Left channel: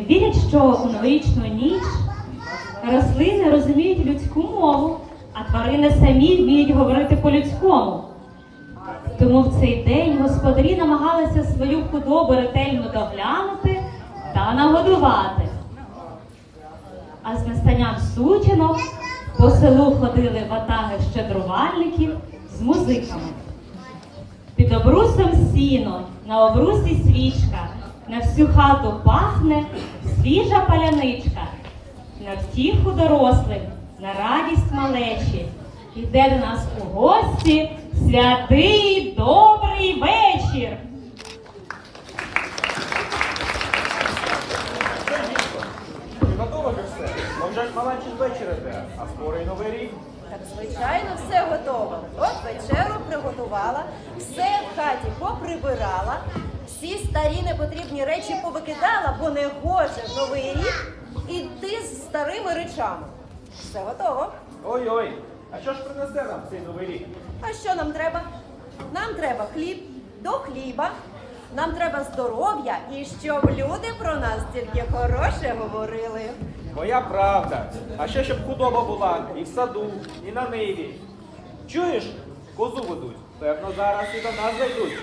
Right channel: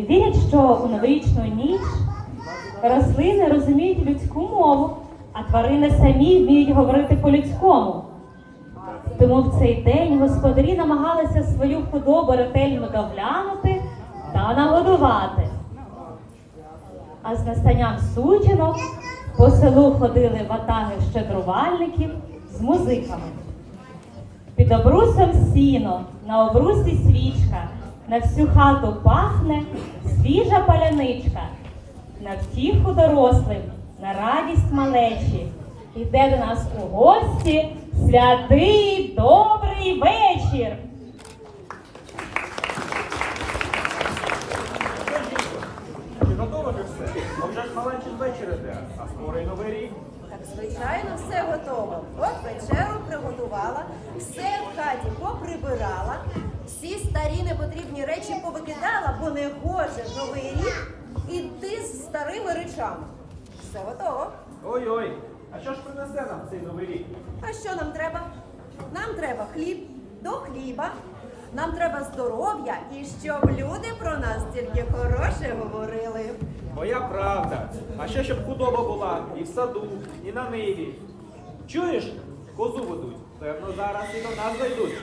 Вірять, що у новорічну ніч рослини розуміють людську мову, а тварини самі вміють говорити по-людському. Тому в цей день господарі намагалися свою худобу ретельно доглянути та нагодувати. А з настанням сутінок по селу ходили ватаги щедрувальників з музиками. Під обрусом сіно, на обрусі свічка, на всю хату пахне свіжа паляничка. На втіху дорослим, на радість малечі. Йде до нас у гості святий добрий вечір. Що, дідько, ти готова вже все? Бо вже ж маленький вечір іде, а скоро й новий рік. Так, звичайно, все готово. От вечеру приготувала, все в хаті поприбирала, всі старі непотрібні речі повикидала, бо не гоже в новий рік іти з старими речами. Все готово. Ой-ой, а що ж принесе нам цей новий рік? А що нам треба? Нам треба хліб до хліба. Нам треба здоров'я і щоб люди про нас тільки хороше говорили. Моя правда. А ще щоб худоба була і в саду, і на ниві. Чуєш, козу ведуть. Певно, зараз і до нас зайдуть.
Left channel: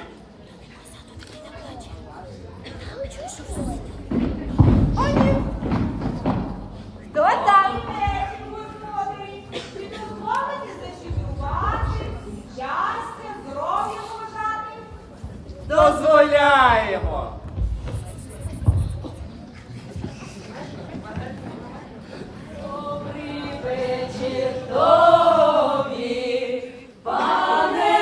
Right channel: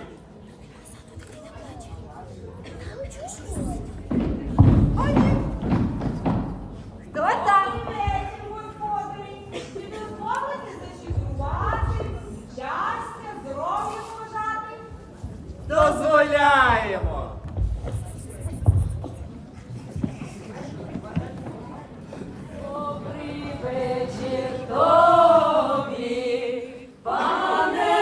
Дозволяємо! Добрий вечір тобі, пане.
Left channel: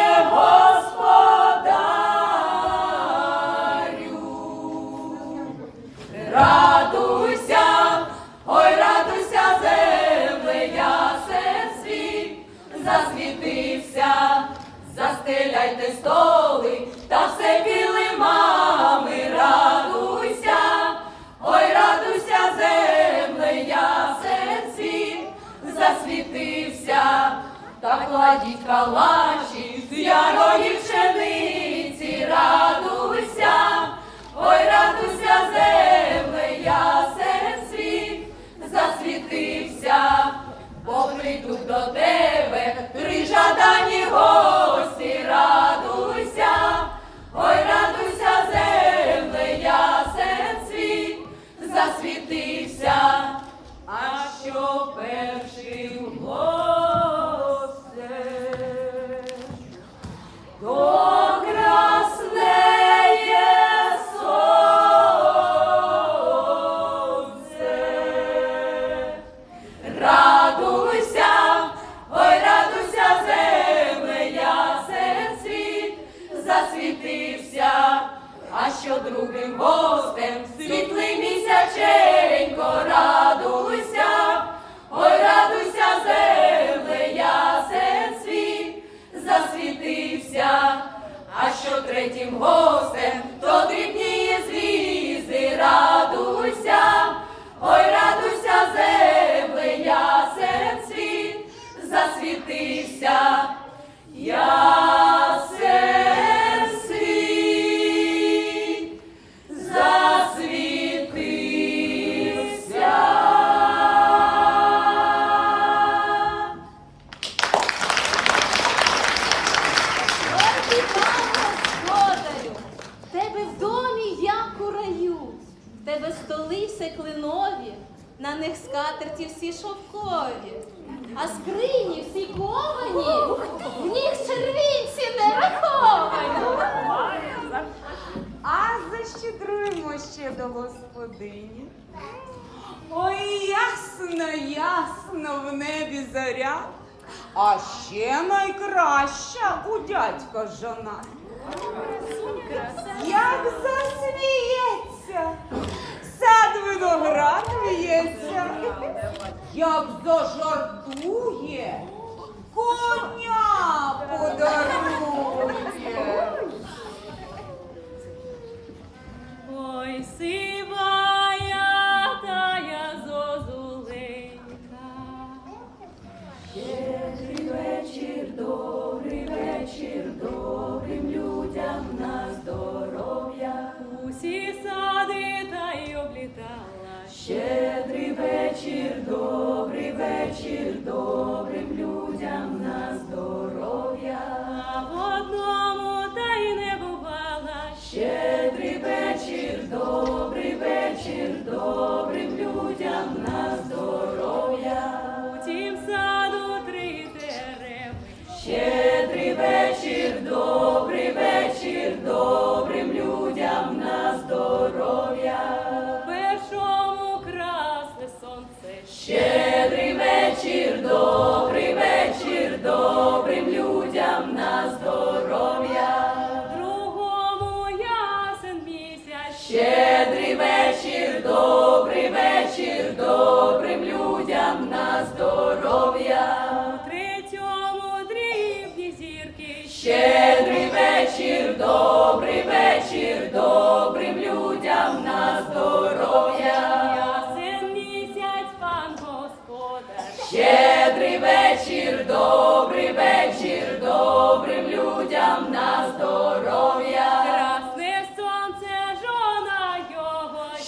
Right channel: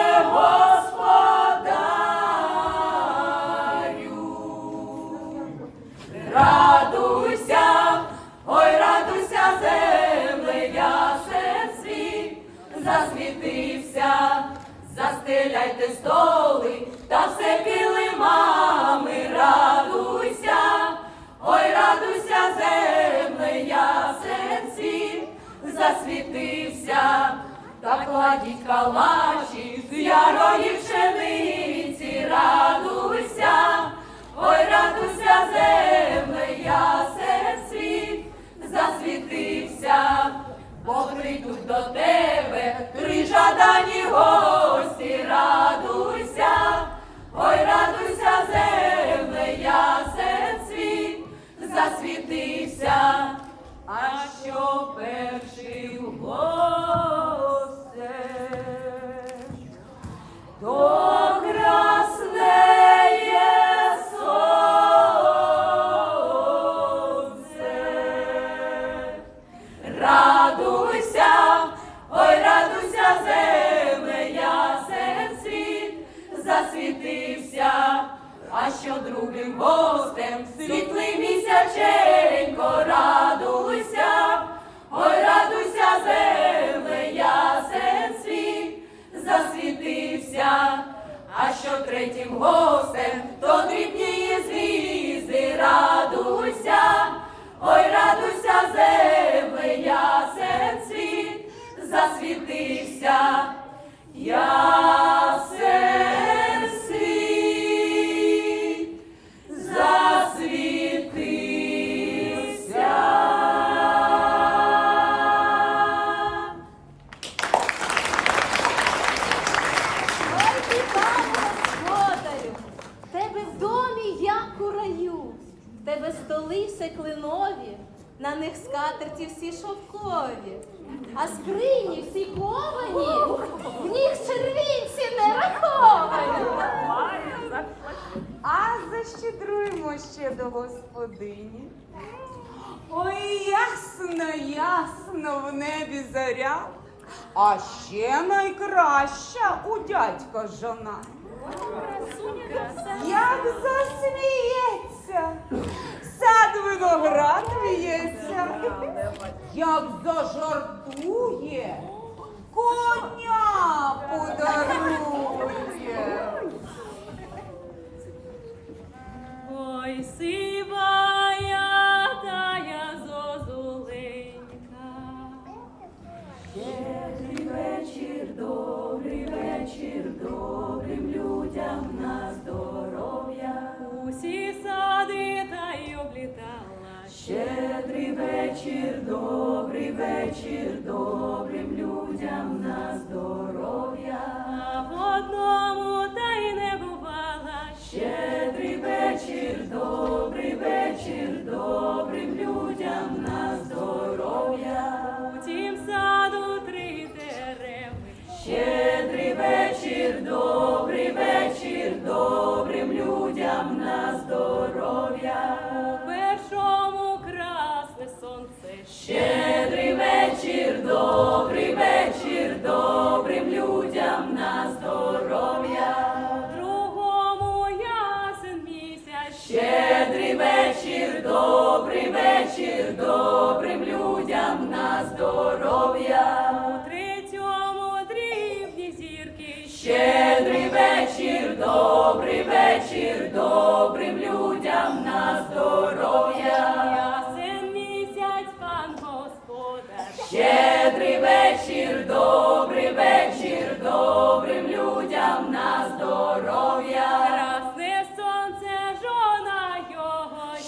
Радуйся, ой, радуйся, земле, ясен світ, засвітився, застеляйте столи та кладіть калачі з ярої пшениці, радуйся, ой, радуйся, земле, ясен світ, засвітився, бо прийдуть до тебе три жадані гості, радуйся, ой, радуйся, земле, ясен світ, засвітився, а що перший госте, а що другим гостем світлий місяченько, радуйся, засвітився, а що третім гостем, то дрібніє звізди, радуйся, ой, радуйся, земле, серед світ, засвітився, Я світ, клинові, на них скатерті всі шовкові, а скрині всі ковані, в них червінці не раховані. А защедруємо ще до господині. Ой, ясно, ясно в небі заря. А ще найкраща у дядька жона. Як засміється, сад виноград в'ється, як зажартує, коня подарує. Ой, сивая вечір, добрий вечір,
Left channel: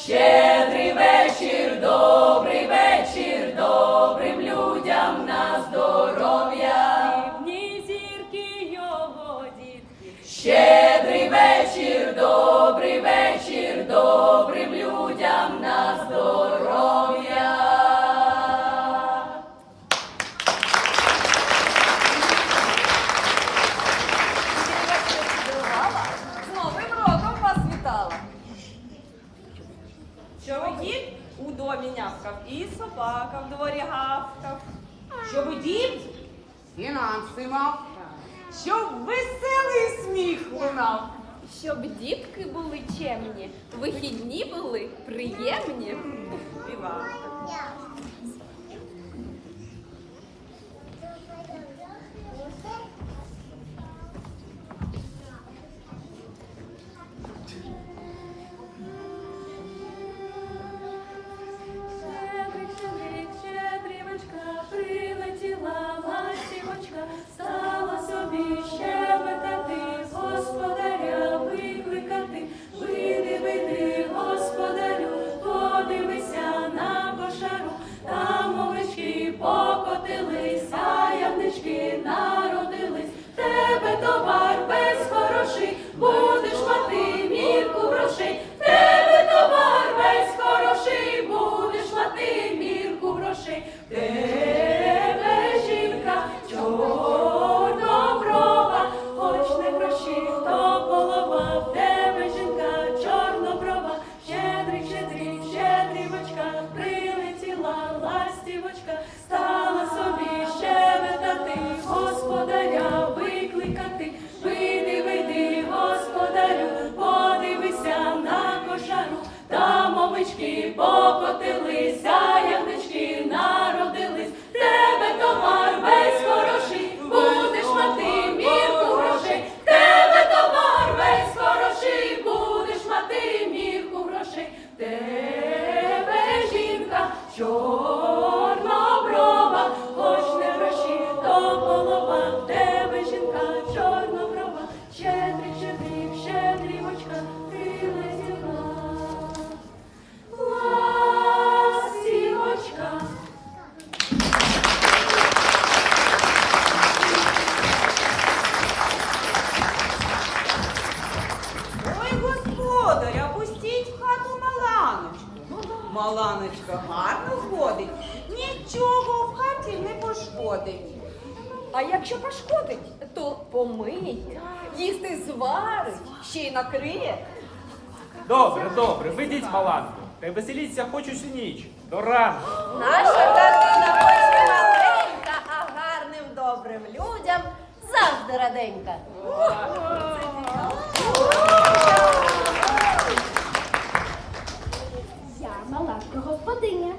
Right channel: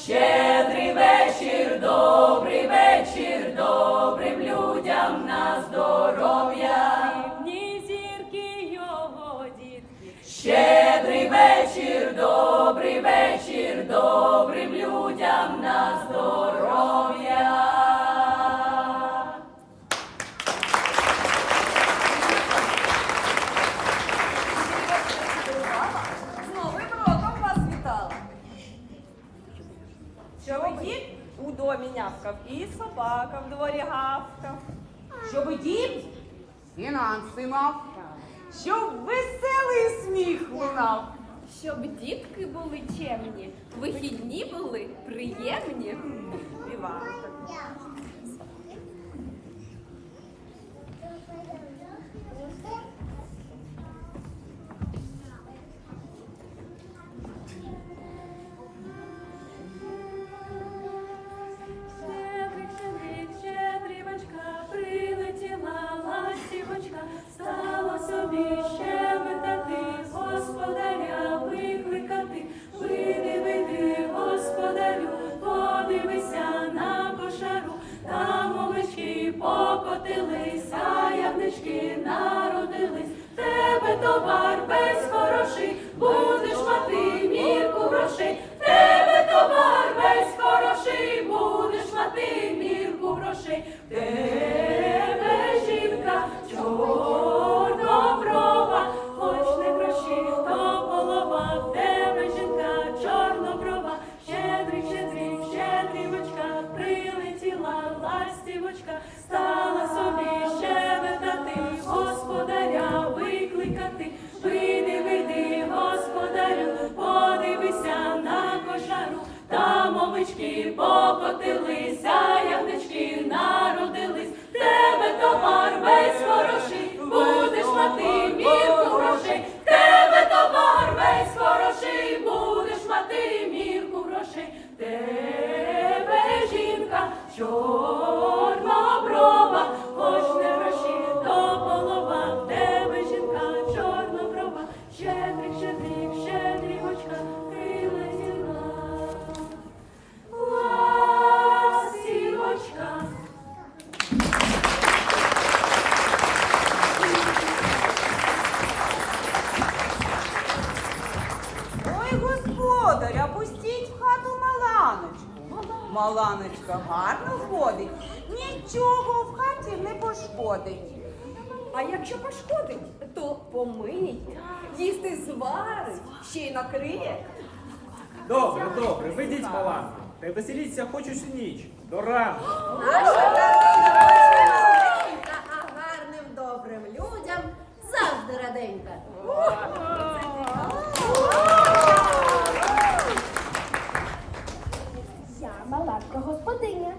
Щедрий вечір, добрий вечір, добрим людям на здоров'я. Дрібні зірки його дітки. Щедрий вечір, добрий вечір, добрим людям на здоров'я. Собака в дворі гавкав. Щоб дід фінанси мав, щоб веселий сміх лунав. Щоб дітки були чемні, вихідні були приємні. І так. Товар весь хороший, будеш мати мірку грошей. В Тебе товар весь хороший, будеш мати мірку грошей. Там овечки покотилися, ягнички народились, тебе товар весь хороший, Маланочка гарно ходить, нічого в хаті не пошкодить. А якщо пошкодить, то помиє, їсти зварить, ще й накриє. Добре, добре, ведіть маланку. Та й веселіться хоч усю ніч. До ранку. Наша хоч маленька, а гарним добрим людям завжди раденька. Я малатка господиня,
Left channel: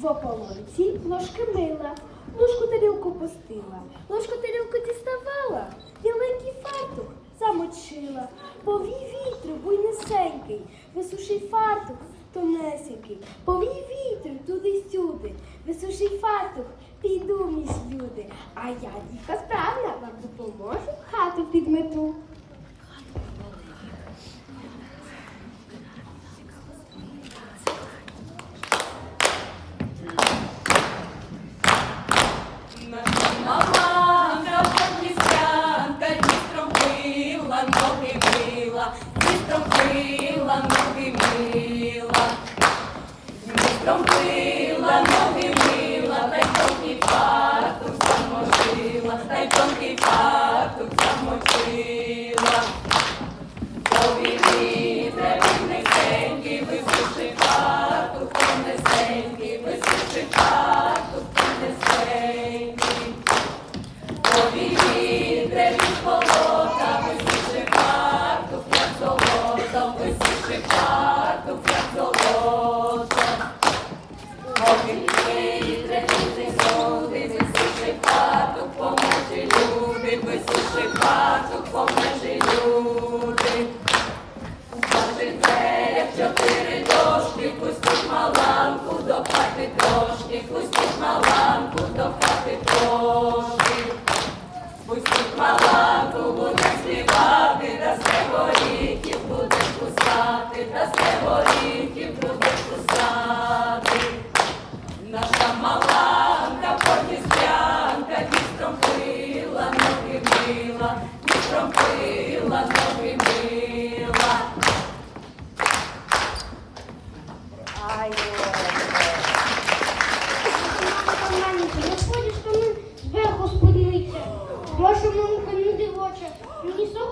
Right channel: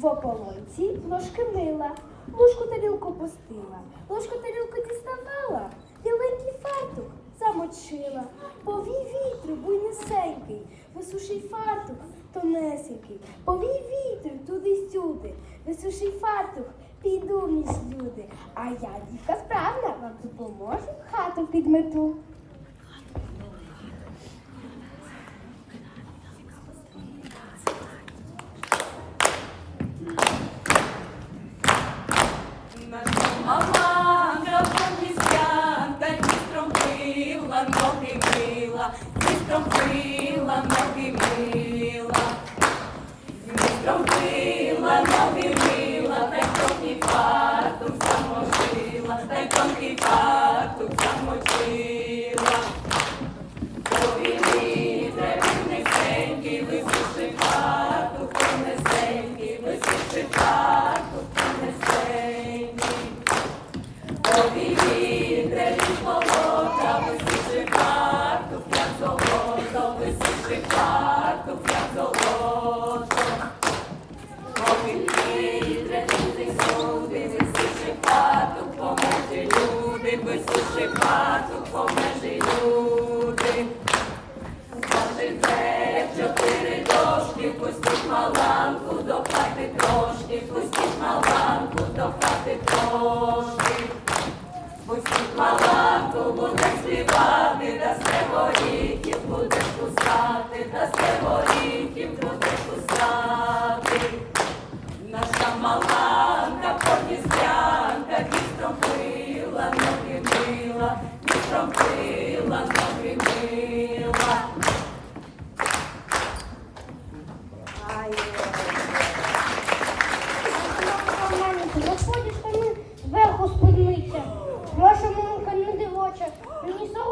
в ополонці ложки мила, ложку тарілку пустила, ложку тарілку діставала, біленький фартух замочила, повій вітру буйнисенький, висуший фартух тонесенький, повій вітру туди-сюди, висуший фартух піду між люди. А я дівка справна, вам допоможу, хату підмету. Пила, ноги мила.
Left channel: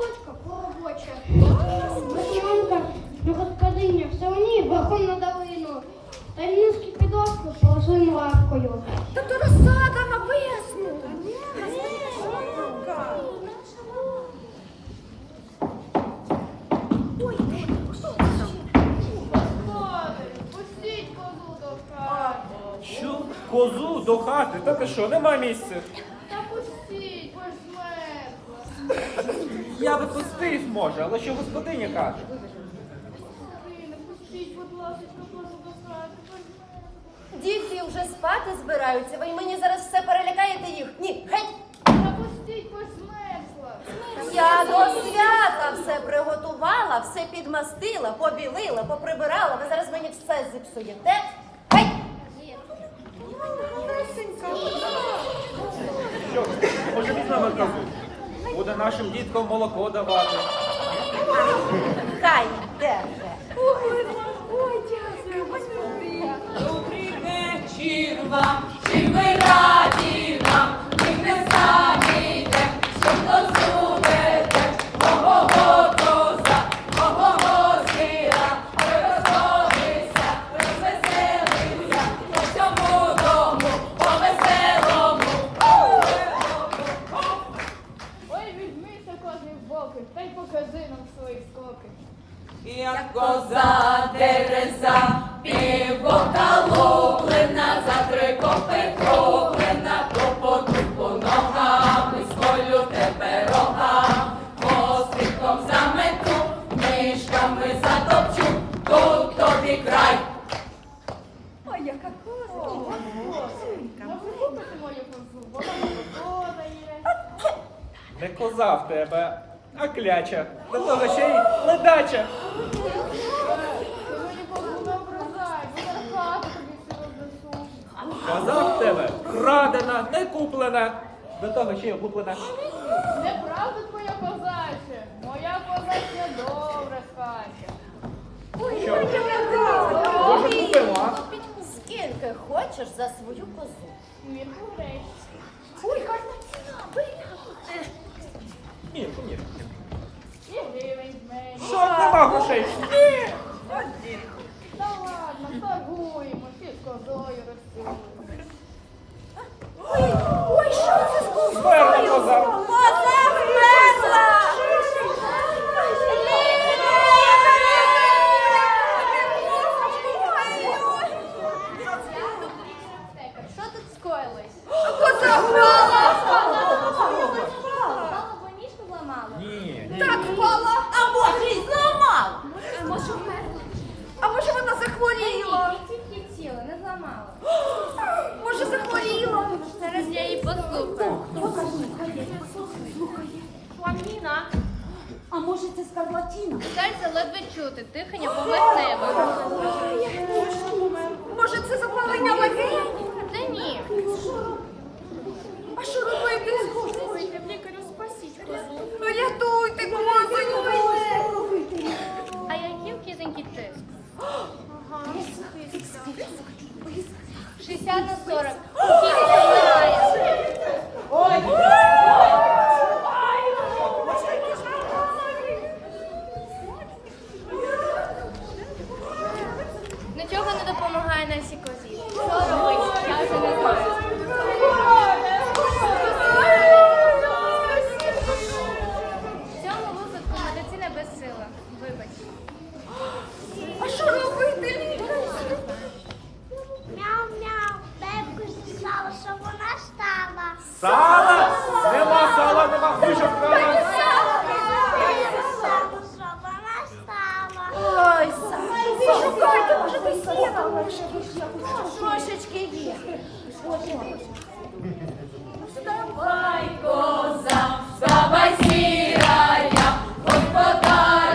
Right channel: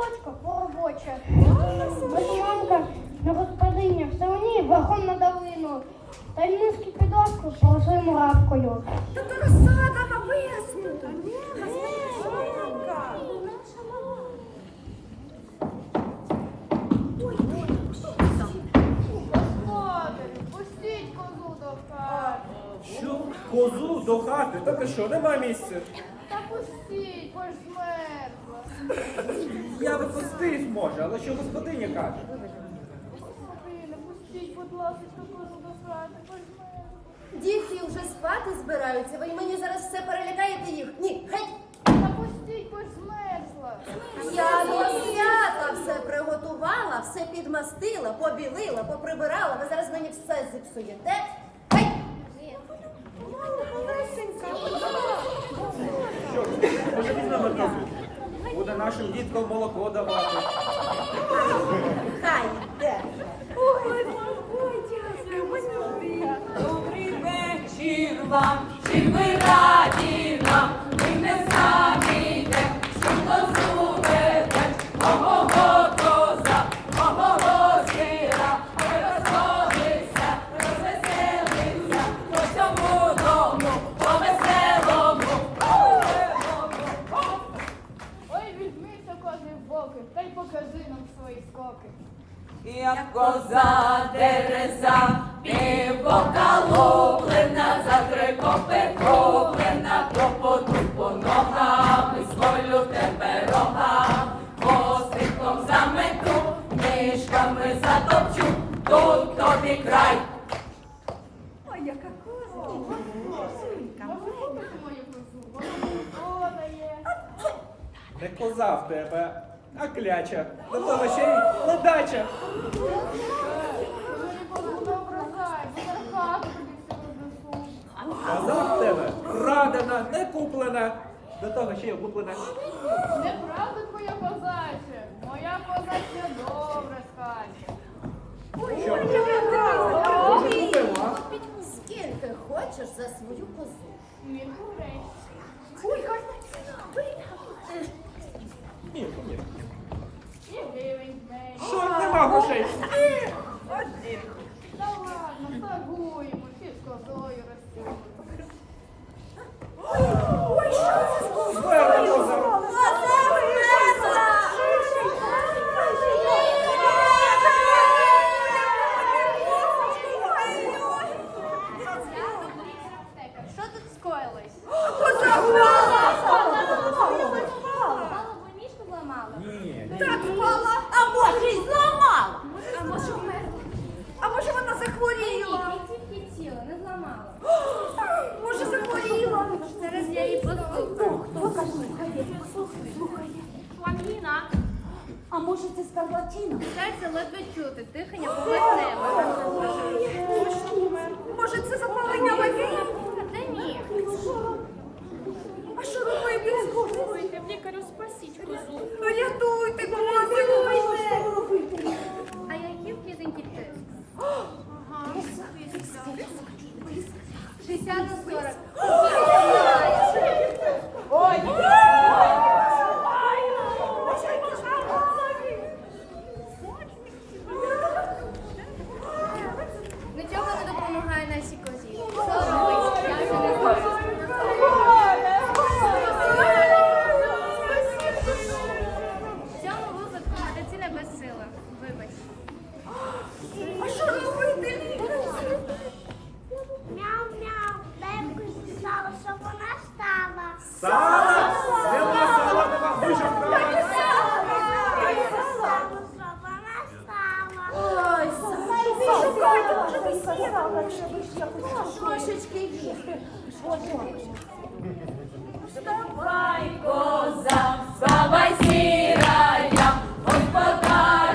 Сорочка поробоча. Мощонка на господиня, все мені верхом на долину. Та й низькі підошку полосуємо лавкою. Та то розсада на весну. Пустіть козу до хати. Що? Козу до хати? Та ти що, нема місця? Та пустіть, бо ж. Я би пустив, може, але що господиня каже? Господине, пустіть, будь ласка, козу до хати, ж змерзла. Вже спати збираються, ви мені зараз все перелякаєте їх. Ні, геть! Та пустіть, бо змерзла. Я до свята все приготувала, все підмастила, побілила, поприбирала. Ви зараз мені все зіпсуєте. Геть! Що? Може візьмемо козу? Буде нашим діткам молоко давати. Хай йде вже. Добрий вечір вам, в тебе, а кляча. До того ще й ледача. Коза в тебе крадена, не куплена. До того ще й куплена. Неправда твоя козаче, моя козачня добре скаче. Що? Скільки хочеш за свою козу? Мірку грей. Ой, бери. Мірку, мірку. І гривень. Що, нема грошей? Та ладно, торгуємо, всі з козою ростуємо. Ой, що це з козою? силах, вибач. А що робити? Мяу-мяу, бебку зі сала, що вона стала. Сала! Нема сала, нема хижака! Трошечки є. Вставай, коза, вставай, сіра. Hospital.